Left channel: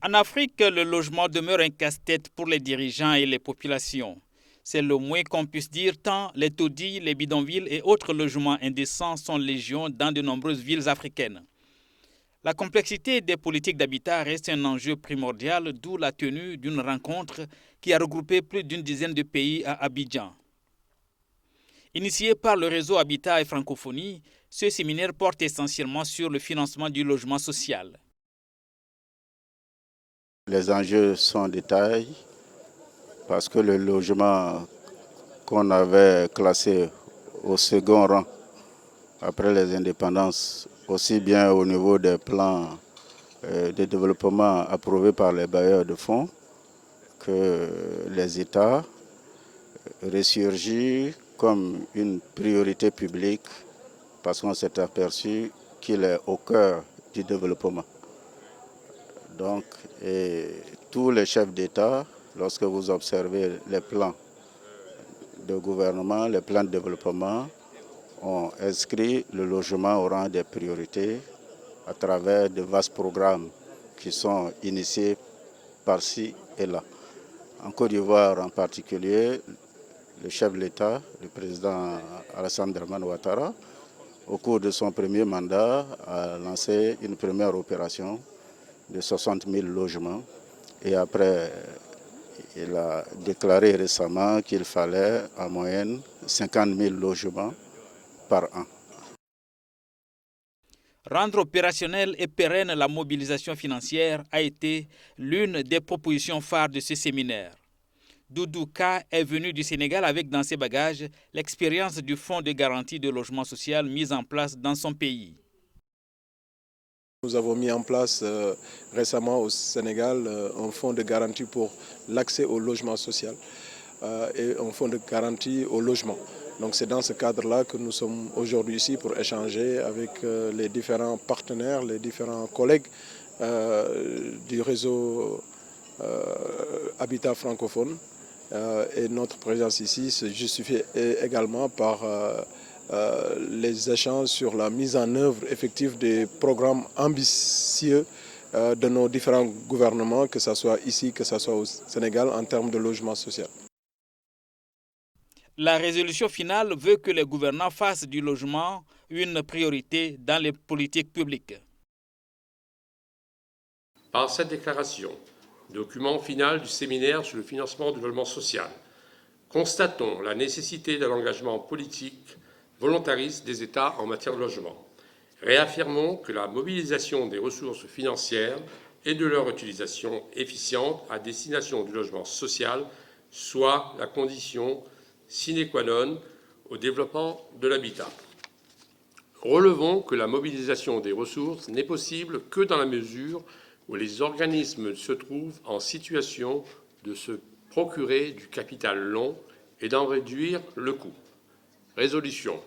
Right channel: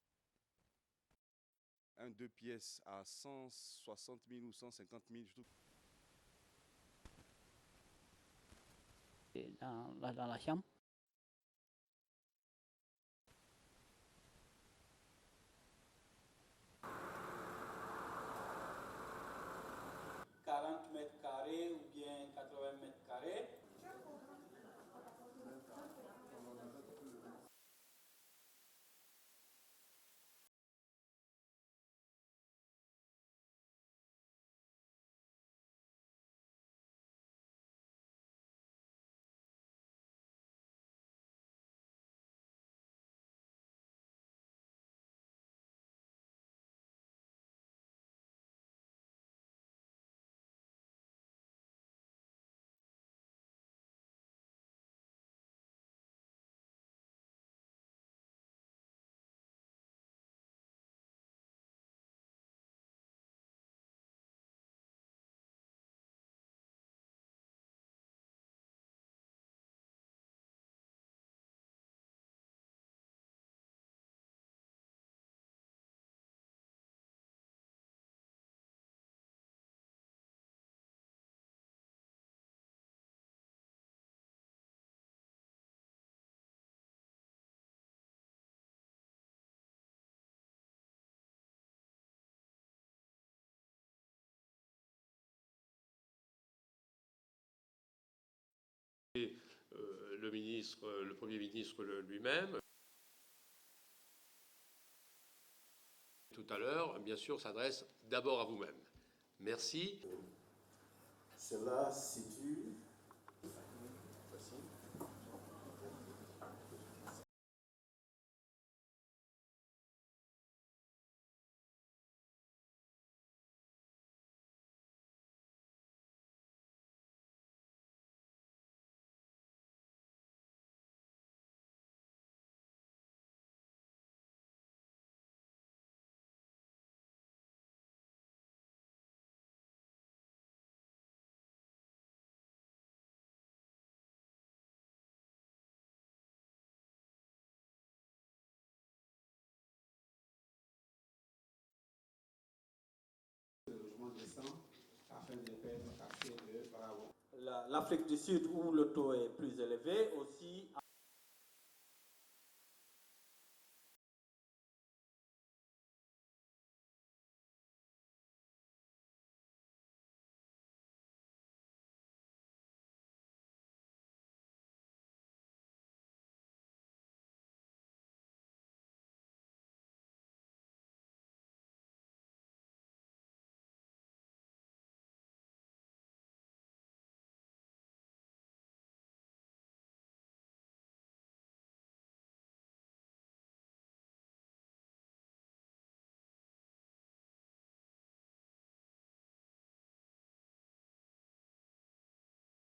En Afrique, le logement demeure un casse-tête pour les dirigeants et les populations. C'est le moins qu'on puisse dire tant les taudis, les bidonvilles et autres logements indécents sont légion dans de nombreuses villes africaines. La complexité des politiques d'habitat reste un enjeu primordial, d'où la tenue d'une rencontre qui a regroupé plus d'une dizaine de pays à Abidjan. Initié par le réseau Habitat et Francophonie, ce séminaire porte essentiellement sur le financement du logement social. Les enjeux sont de taille parce que le logement qu'on avait classé au second rang après les indépendances, aussi bien au niveau des plans de développement approuvés par les bailleurs de fonds que les États, ressurgit comme une priorité publique parce qu'on s'est aperçu qu'il est au cœur du développement. Donc, tous les chefs d'État, lorsque vous observez les plans de gouvernement, les plans de développement, ont inscrit le logement au rang des priorités à travers de vastes programmes qui sont initiés par-ci et là. En Côte d'Ivoire en particulier, le chef de l'État, le président Alassane Dramane Ouattara, au cours de son premier mandat, a lancé une première opération de 60 000 logements. Et après, il a déclaré récemment qu'il fallait en moyenne 50 000 logements par an. Rendre opérationnelle et pérenne la mobilisation financière a été l'une des propositions phares de ce séminaire. Doudou Ka est venu du Sénégal avec dans ses bagages l'expérience du fonds de garantie de logement social mis en place dans son pays. Nous avons mis en place récemment au Sénégal un fonds de garantie pour l'accès au logement social et un fonds de garantie au logement. Donc c'est dans ce cadre-là que nous sommes aujourd'hui ici pour échanger avec les différents partenaires, les différents collègues du réseau Habitat francophone. Et notre présence ici se justifie également par les échanges sur la mise en œuvre effective des programmes ambitieux de nos différents gouvernements, que ce soit ici, que ce soit au Sénégal, en termes de logement social. La résolution finale veut que les gouvernants fassent du logement une priorité dans les politiques publiques. Par cette déclaration, document final du séminaire sur le financement du logement social, constatons la nécessité de l'engagement politique volontariste des États en matière de logement. Réaffirmons que la mobilisation des ressources financières et de leur utilisation efficiente à destination du logement social soit la condition sine qua non au développement de l'habitat. Relevons que la mobilisation des ressources n'est possible que dans la mesure où les organismes se trouvent en situation de se procurer du capital long et d'en réduire le coût. Résolution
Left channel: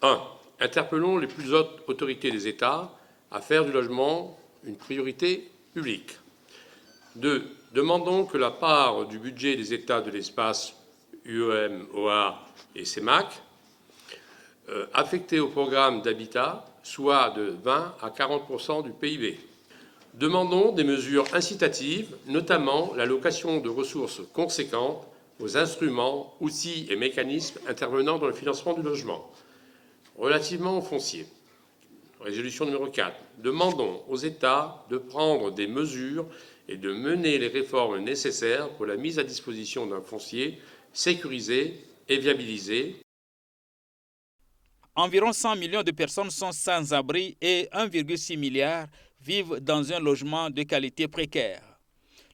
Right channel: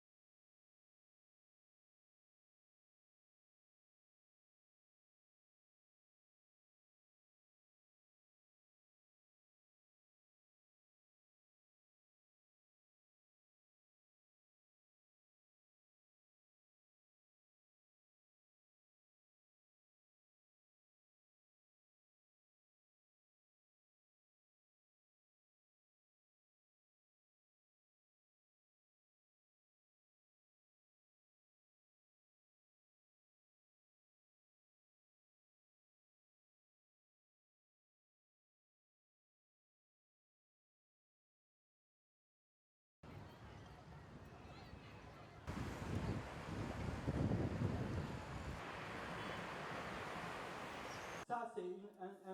1. Interpellons les plus hautes autorités des États à faire du logement une priorité publique. 2. Demandons que la part du budget des États de l'espace UEMOA et CEMAC affectée au programme d'habitat soit de 20 à 40% du PIB. Demandons des mesures incitatives, notamment l'allocation de ressources conséquentes aux instruments, outils et mécanismes intervenant dans le financement du logement. Relativement au foncier, résolution numéro 4, demandons aux États de prendre des mesures et de mener les réformes nécessaires pour la mise à disposition d'un foncier sécurisé et viabilisé. Environ 100 millions de personnes sont sans abri et 1,6 milliard vivent dans un logement de qualité précaire.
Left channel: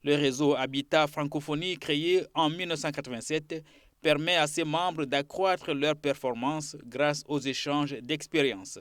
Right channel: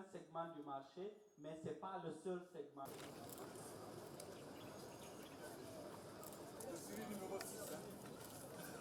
Le réseau Habitat Francophonie, créé en 1987, permet à ses membres d'accroître leurs performances grâce aux échanges d'expériences.